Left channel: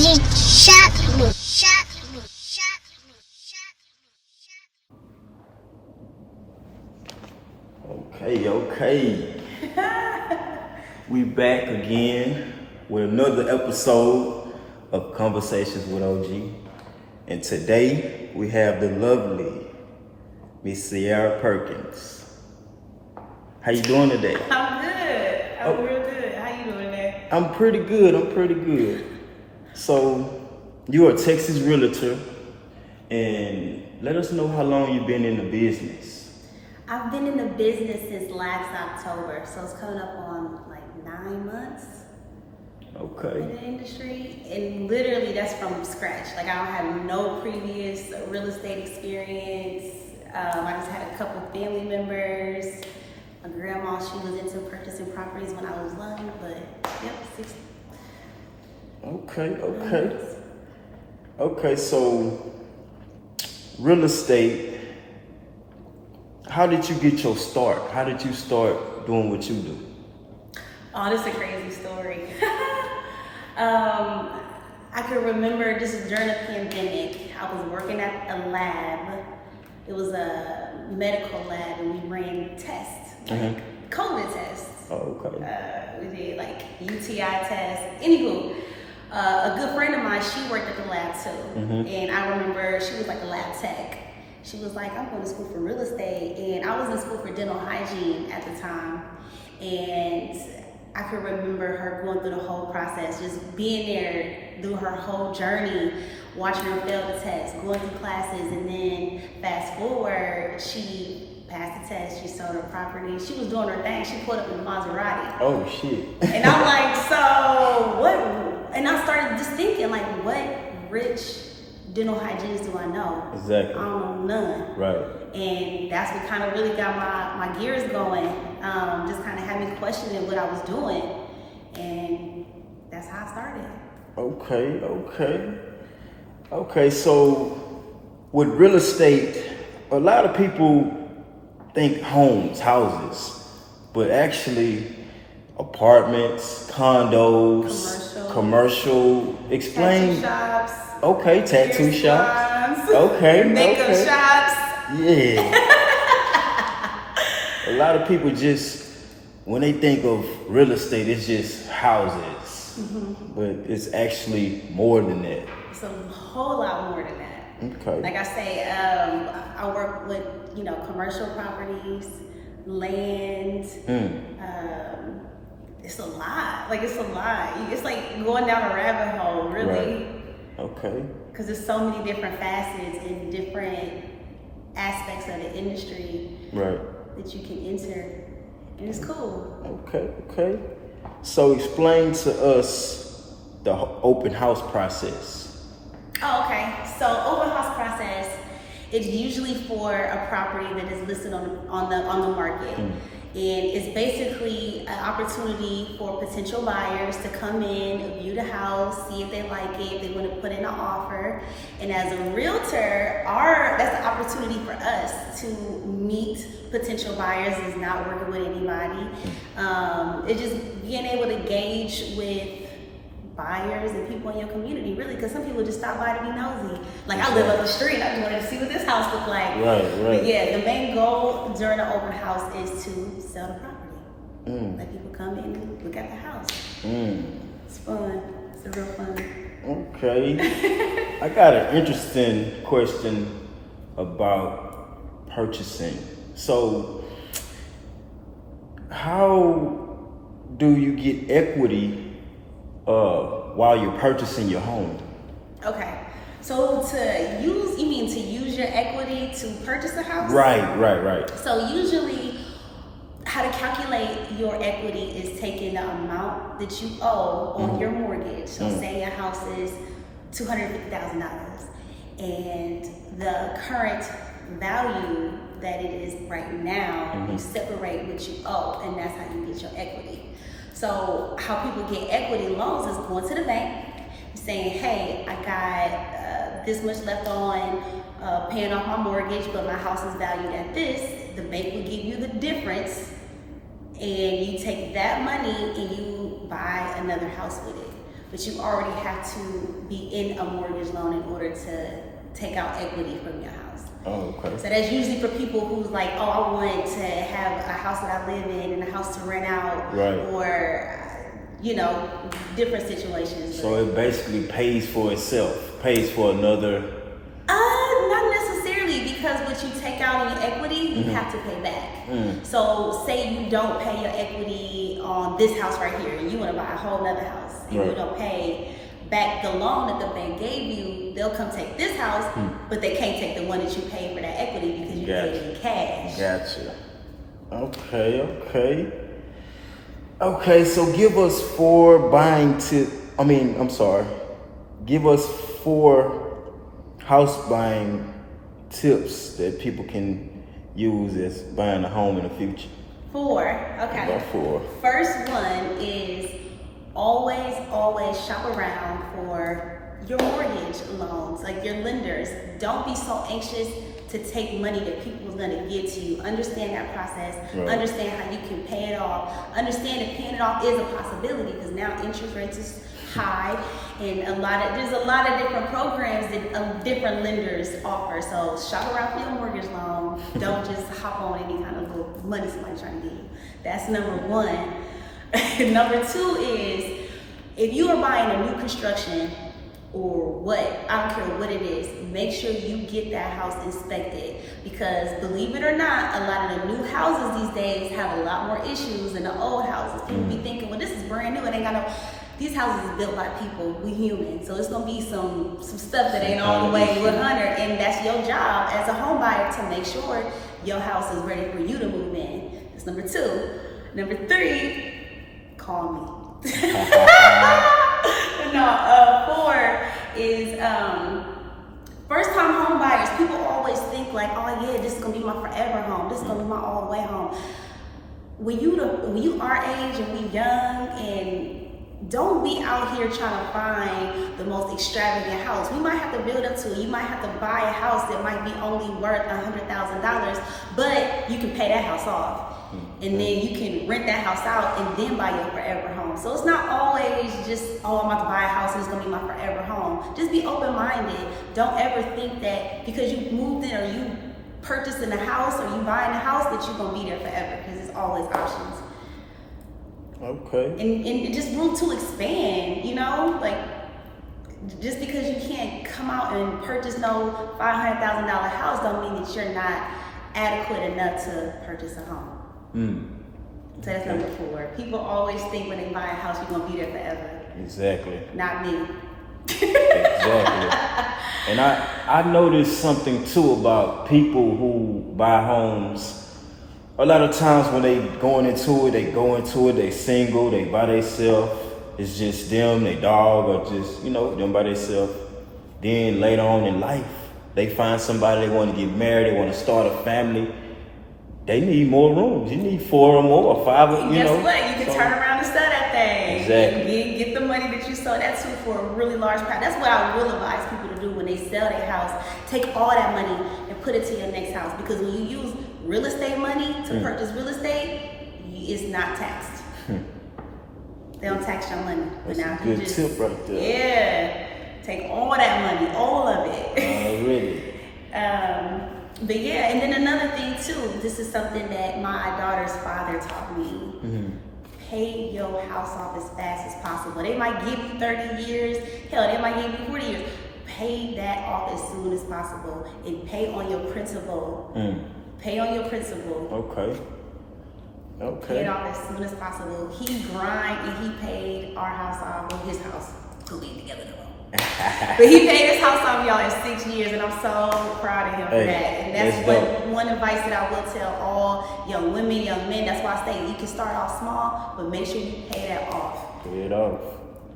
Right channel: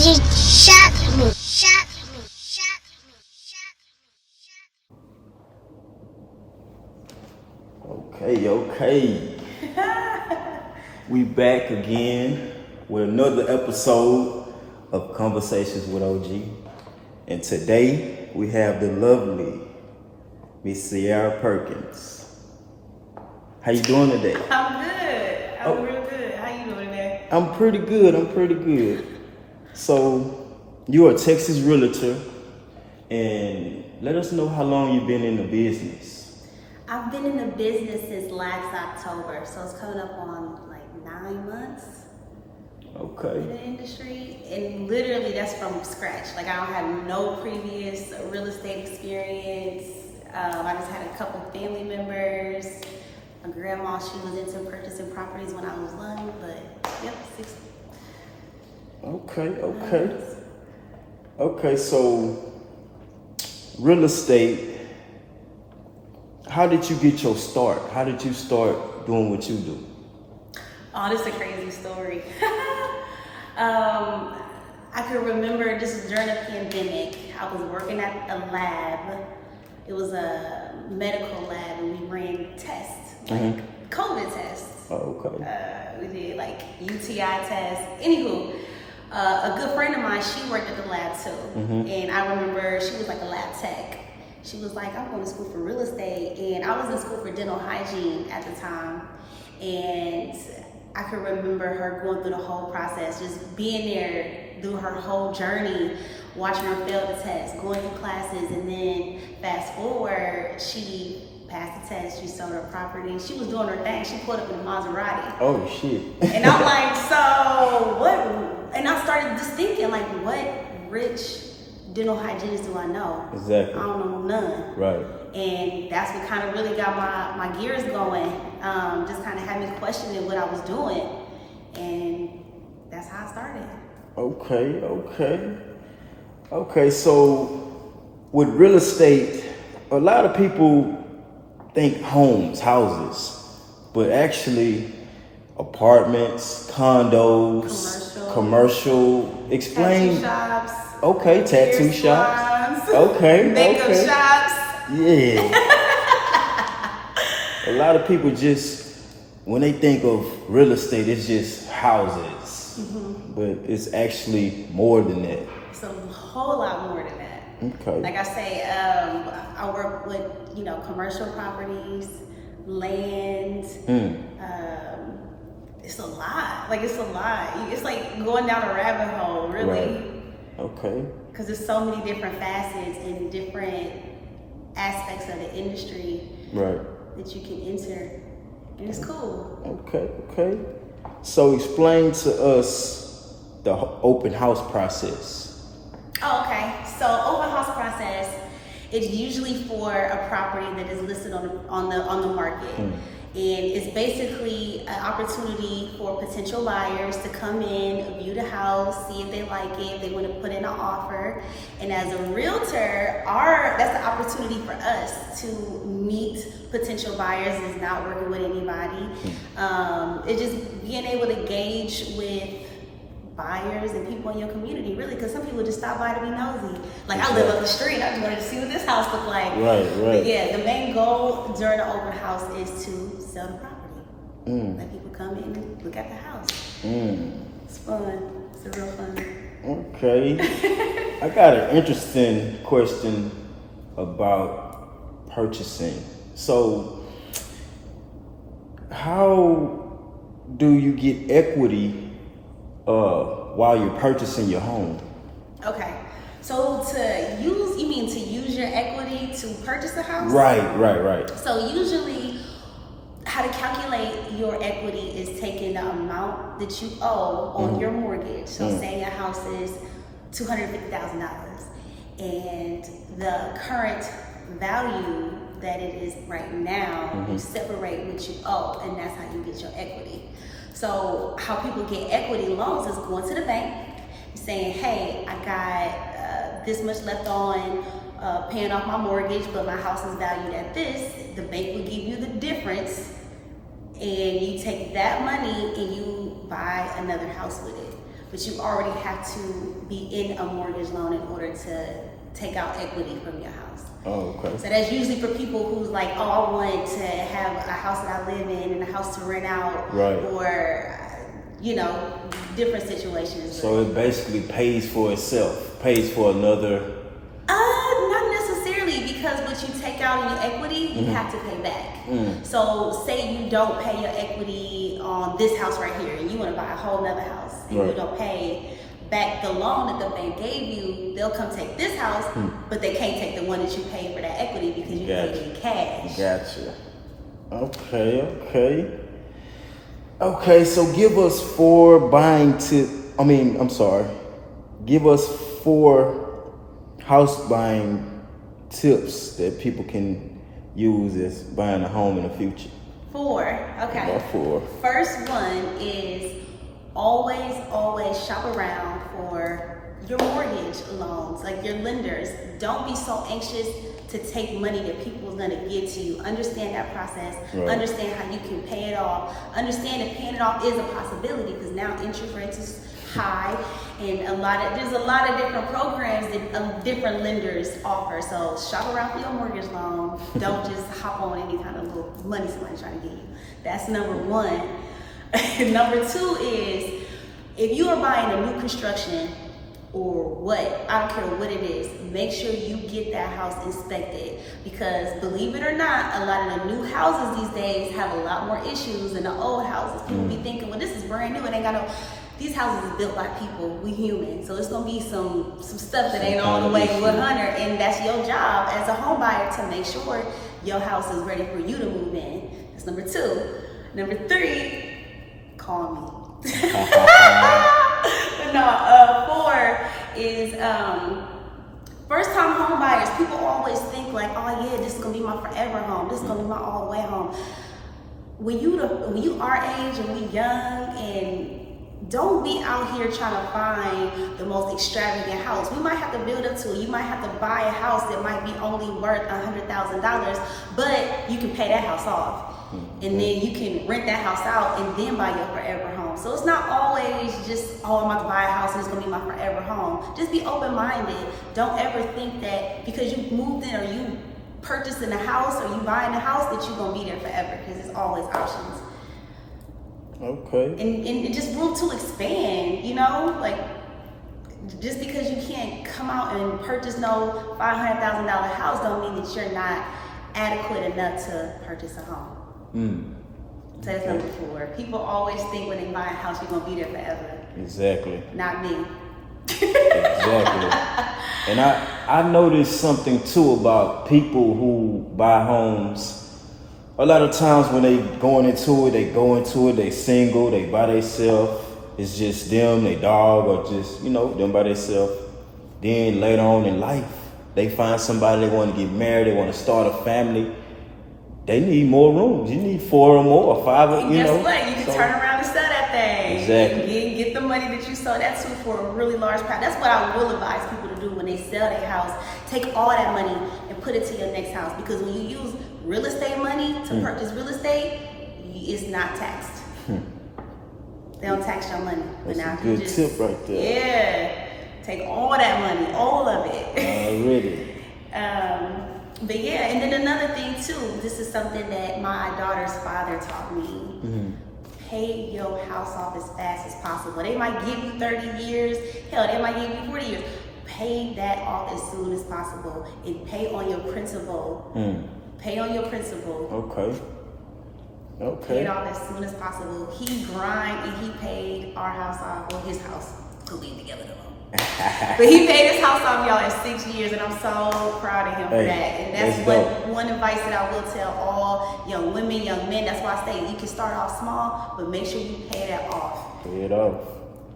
Shot me, shot me, shot me, shot me, Okay. We back again with another episode of Conversations with OG. And today we have the lovely Miss Perkins. How you doing today? I'm good. I'm real good. How you doing today? I'm pretty good. So, you're a Texas Realtor, and let us know how long you've been in the business. I've been in the business since last October, so it's coming up on like 9 months in Okay. the industry. And literally that's from scratch. Like I don't have no previous real estate experience. I just had a couple family members. My grandma, she was into purchasing properties when I was young, but yep, 6. Okay, so real estate, how did you get your start? How did you start doing what you do? Oh, this is a crazy story. I can remember just during the pandemic, I was working at a lab. It was a medical lab, and we ran tests, like COVID tests. Oh, okay. We did like UTI tests. Anywho, a good friend of mine, she worked at the lab too. And I remember she was like a lab tech. She was like, I'm going to school for real estate. And I was in school for dental hygiene at the time. And I could remember her going through the whole process, just being there through her whole journey, watching her fail the test, going through classes, and then fast forward, she passed the test, she sold her property, she was doing her thing, she pulled up in a Maserati. Oh, shit. And I'm like, so what? And I started just thinking, like, what rich dental hygienist do I know? Exactly. I don't know none. Right. And that's what kind of really got my gears going. Just kind of had me questioning what I was doing. And that's how I started. Okay, so with real estate, a lot of people think houses, but actually apartments, condos, commercial. Explain. Tattoo shops. Okay, tattoo shops. Salons, Okay. makeup shops. Yeah. A lot of people just, when they think of real estate, it's just houses. But it's actually more than that. It's a whole lot more than that. Okay. Like I say, I work with, commercial properties, land. It's a lot. It's like going down a rabbit hole, really. Right. Okay. Because there's so many different facets and different aspects of the industry that you can enter. And it's cool. Okay. So explain to us the open house process. Oh, okay. So open house process, it's usually for a property that is listed on the market. And it's basically an opportunity for potential buyers to come in, view the house, see if they like it, if they want to put in an offer. And as a realtor, that's an opportunity for us to meet potential buyers. It's not working with anybody. It's just being able to gauge with buyers and people in your community, really, because some people just stop by to be nosy. Like, I live up the street and I just wanted to see what this house looked like. Right. But yeah, the main goal during the open house is to sell the property. Let people come in and look at the house. It's fun. It's real fun. Okay. I got an interesting question about purchasing. So, how do you get equity while you're purchasing your home? Okay. So you mean to use your equity to purchase a house? Right. So usually how to calculate your equity is taking the amount that you owe on your mortgage. So say your house is $250,000 and the current value that it is right now, you separate what you owe, and that's how you get your equity. So how people get equity loans is going to the bank, saying, hey, I got this much left on paying off my mortgage, but my house is valued at this. The bank will give you the difference, and you take that money and you buy another house with it. but you already have to be in a mortgage loan in order to take out equity from your house. Oh, okay. So that's usually for people who's like, oh, I want to have a house that I live in and a house to rent out, Right. or, you know, different situations. So it basically pays for itself, pays for another. Not necessarily, because what you take out in your equity, you have to pay back. So say you don't pay your equity on this house right here, and you want to buy a whole nother house, and you don't pay back the loan that the bank gave you, they'll come take this house, but they can't take the one that you paid for that equity because you paid it in cash. Gotcha. Okay, so give us 4 buying tips. Give us 4 house buying tips that people can use as buying a home in the future. 4, okay. About 4. First one is always shop around for your mortgage loans, like your lenders. Don't be so anxious to take money that people's gonna give to you. Understand that process. Right. Understand how you can pay it off. Understand that paying it off is a possibility, because now interest rates is high, and there's a lot of different programs that different lenders offer. So shop around for your mortgage loan. Don't just hop on any kind of little money somebody's trying to give you. That's number 1. Number 2 is, if you are buying a new construction or what, I don't care what it is, make sure you get that house inspected, because believe it or not, a lot of the new houses these days have a lot more issues than the old houses. People be thinking, well, this is brand new, it ain't got no. These houses are built by people, we human, so it's gonna be some stuff that ain't all the way 100, and that's your job as a home buyer to make sure your house is ready for you to move in. That's number 2. Number 3, call me. No, 4 is first time home buyers. People always think like, oh yeah, this is gonna be my forever home. This is gonna be my all the way home. When you our age and we young, and don't be out here trying to find the most extravagant house. We might have to build up to it. You might have to buy a house that might be only worth $100,000, but you can pay that house off. And then you can rent that house out and then buy your forever home. So it's not always just, oh, I'm about to buy a house and it's gonna be my forever home. Just be open-minded. Don't ever think that because you moved in or you purchasing a house or you buying a house that you're gonna be there forever, because there's always options. Okay. And just room to expand, you know? Like, just because you can't come out and purchase no $500,000 house don't mean that you're not adequate enough to purchase a home. So that's number 4. People always think when they buy a house, you're gonna be there forever. Exactly. Not me. Exactly. And I noticed something too about people who buy homes. A lot of times when they go into it, they single, they by themselves. It's just them, they dog, or just, them by themselves. Then later on in life, they find somebody they want to get married, they want to start a family. They need more rooms. You need 4 or more, or 5 or, Guess what? You can turn around and sell that thing. Exactly. And get the money that you sold that to for a really large price. That's what I will advise people to do when they sell their house. Take all that money and put it to your next house. Because when you use real estate money to purchase real estate, it's not taxed. They don't tax your money. But now That's a good tip right there. Yeah. Take all that money, all of it. Already. But yeah, and then another thing too, this is something that my daughter's father taught me. Pay your house off as fast as possible. They might give you 30 years, hell, they might give you 40 years. Pay that off as soon as possible and pay on your principal. Pay on your principal. Okay. Pay it off as soon as possible. He grind and he paid our house off, well, his house, because we together no more. But he paid his house off, y'all, in 6 years, and I'm so proud of him for that. And that's one advice that I will tell all young women, young men. That's why I say you can start off small, but make sure you pay that off. Pay it off.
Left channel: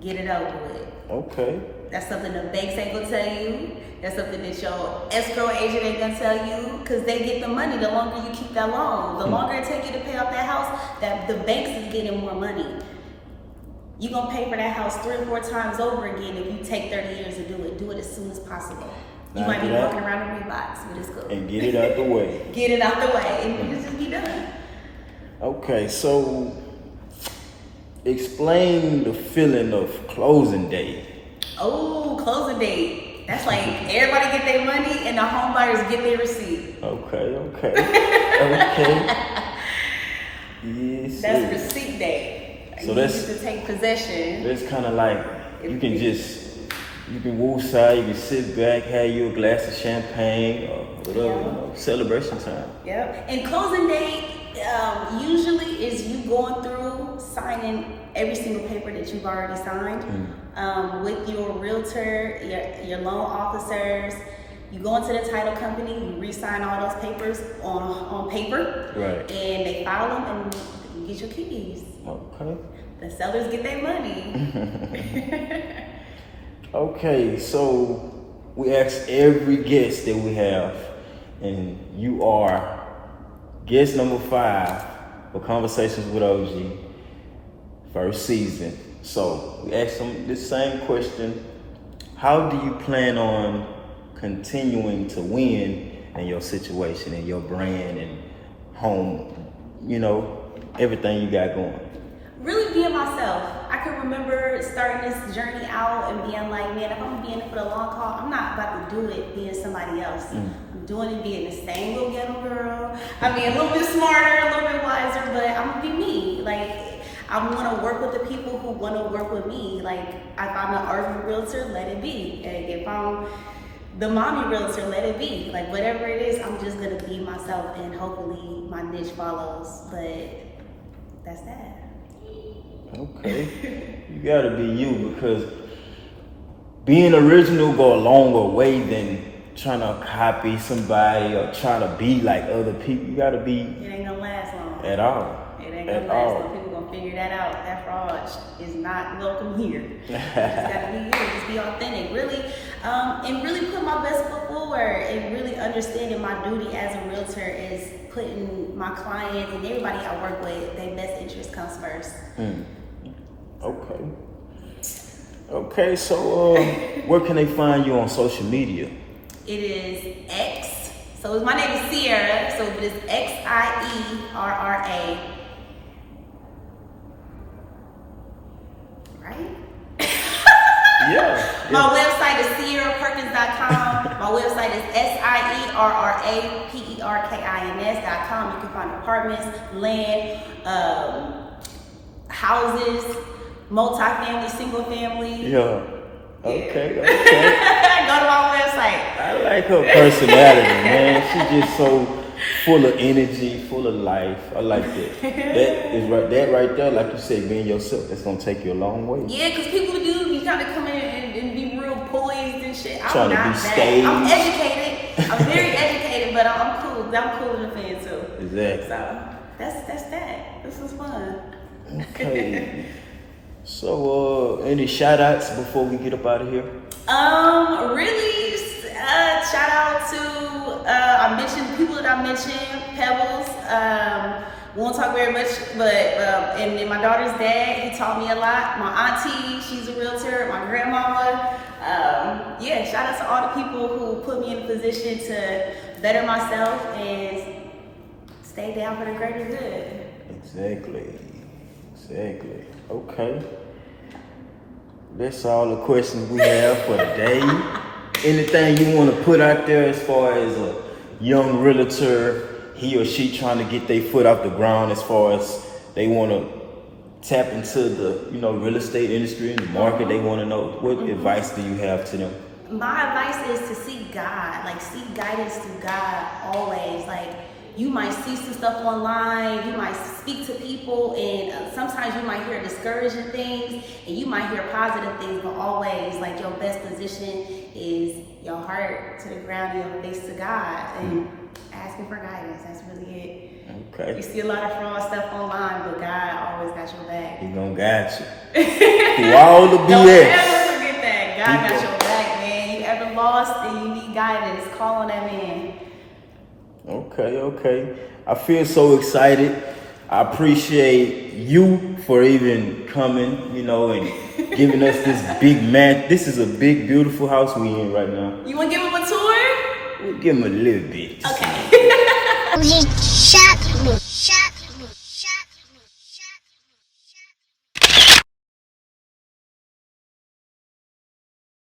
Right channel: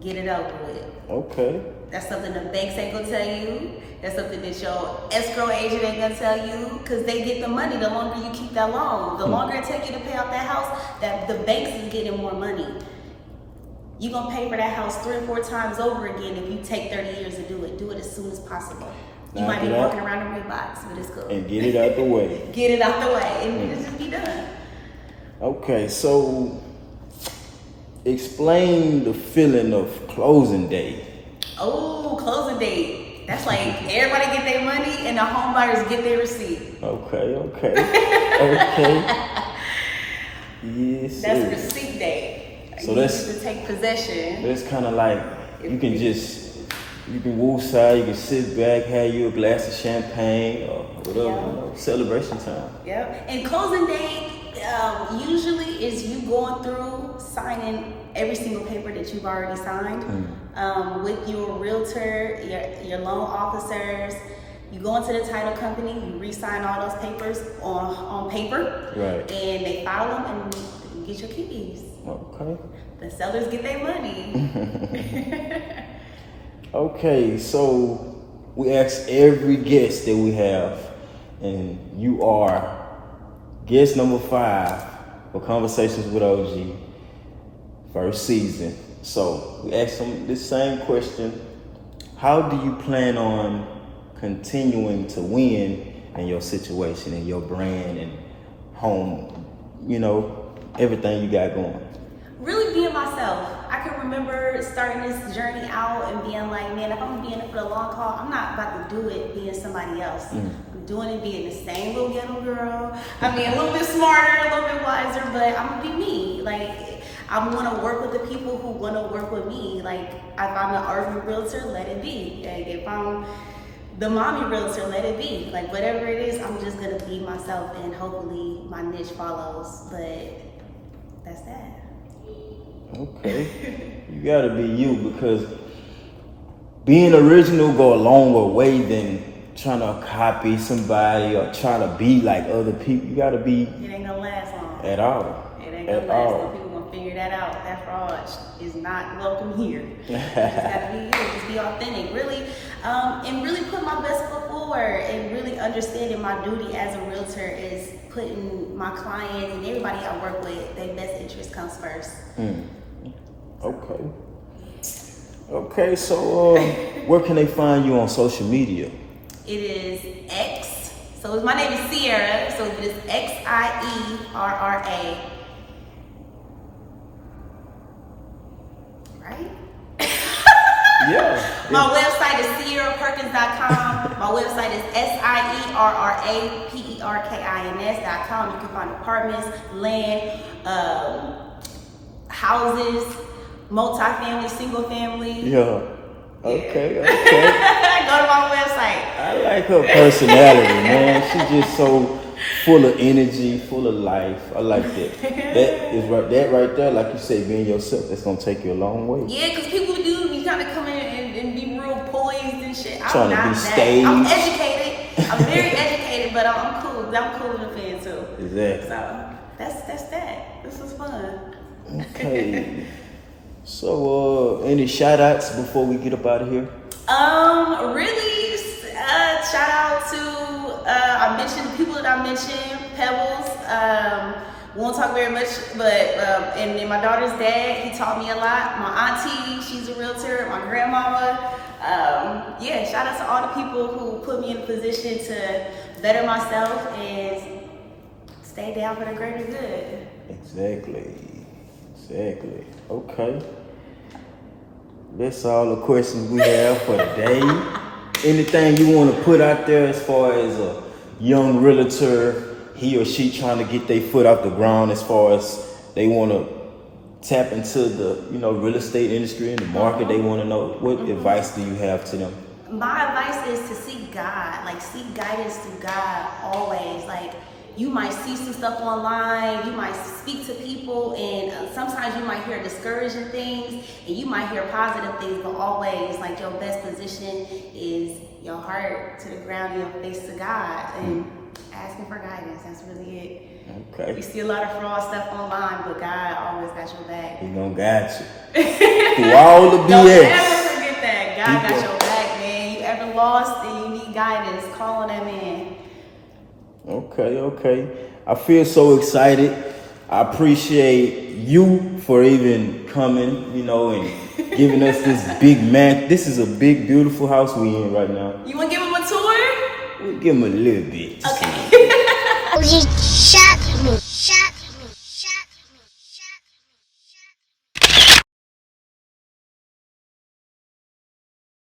Get it over with. Okay. That's something the banks ain't gonna tell you. That's something that your escrow agent ain't gonna tell you, because they get the money the longer you keep that loan. The longer it takes you to pay off that house, that the banks is getting more money. You're gonna pay for that house 3 or 4 times over again if you take 30 years to do it. Do it as soon as possible. You might be walking around the Reeboks, but it's cool. And get it out the way. Get it out the way, and just be done. Okay, so explain the feeling of closing day. Oh, closing date. That's like everybody get their money and the home buyers get their receipt. Okay. Yes. That's receipt day. So you that's need to take possession. It's kind of like you can woosah, you can sit back, have you a glass of champagne or whatever, celebration time. Yep. And closing day usually is you going through signing every single paper that you've already signed with your realtor, your loan officers. You go into the title company, you re-sign all those papers on paper, right, and they file them and you get your keys. Okay. The sellers get their money. Okay, so we ask every guest that we have, and you are guest number 5 for Conversations with OG, first season. So we ask them this same question: how do you plan on continuing to win in your situation and your brand and home, everything you got going? Really being myself. I can remember starting this journey out and being like, man, if I'm being it for the long haul, I'm not about to do it being somebody else. I'm doing it being the same little ghetto girl. I mean, a little bit smarter, a little bit wiser, but I'm gonna be me. Like, I want to work with the people who want to work with me. Like, if I'm an RV realtor, let it be. Like, if I'm the mommy realtor, let it be. Like, whatever it is, I'm just gonna be myself, and hopefully my niche follows. But that's that. Okay. You gotta be you, because being original go a longer way than trying to copy somebody or trying to be like other people. You gotta be. It ain't gonna last long. At all. It ain't gonna last long. People gonna figure that out. That fraud is not welcome here. You just gotta be you. Just be authentic. Really, and really put my best foot forward, and really understanding my duty as a realtor is putting my clients and everybody I work with, their best interest comes first. Okay, so where can they find you on social media? It is X. So my name is Sierra. So it is XIERRA. Right? Yeah. My website is SierraPerkins.com. My website is SIERRAPERKINS.com. You can find apartments, land, houses, multi-family, single family. Yeah. Okay. Go to my website. I like her personality, man. She's just so full of energy, full of life. I like that. That right there, like you said, being yourself, that's gonna take you a long way. Yeah, because people do be trying to come in and be real poised and shit. I'm Trying not to be that. staged. I'm educated. I'm very educated, but I'm cool. I'm cool in the fan too. Exactly. So that's that. This was fun. Okay. So, any shout outs before we get up out of here? Really, shout out to I mentioned people that I mentioned, Pebbles. Won't talk very much, but and then my daughter's dad, he taught me a lot. My auntie, she's a realtor. My grandmama. Yeah, shout out to all the people who put me in a position to better myself and stay down for the greater good. Exactly. Okay. That's all the questions we have for today. Anything you want to put out there as far as a young realtor, he or she trying to get their foot off the ground, as far as they want to tap into the real estate industry and the market, they want to know, what advice do you have to them? My advice is to seek God, like seek guidance through God always. Like, you might see some stuff online, you might speak to people, and sometimes you might hear discouraging things, and you might hear positive things, but always, like, your best position is your heart to the ground and your face to God, and asking for guidance. That's really it. Okay. You see a lot of fraud stuff online, but God always got your back. He gonna guide you through all the BS. Don't ever forget that. God got your back, man. You ever lost and you need guidance, call on that man. Okay. I feel so excited. I appreciate you for even coming, and giving us this big man. This is a big, beautiful house we in right now. You want to give him a tour? We'll give him a little bit. Okay. Shut me.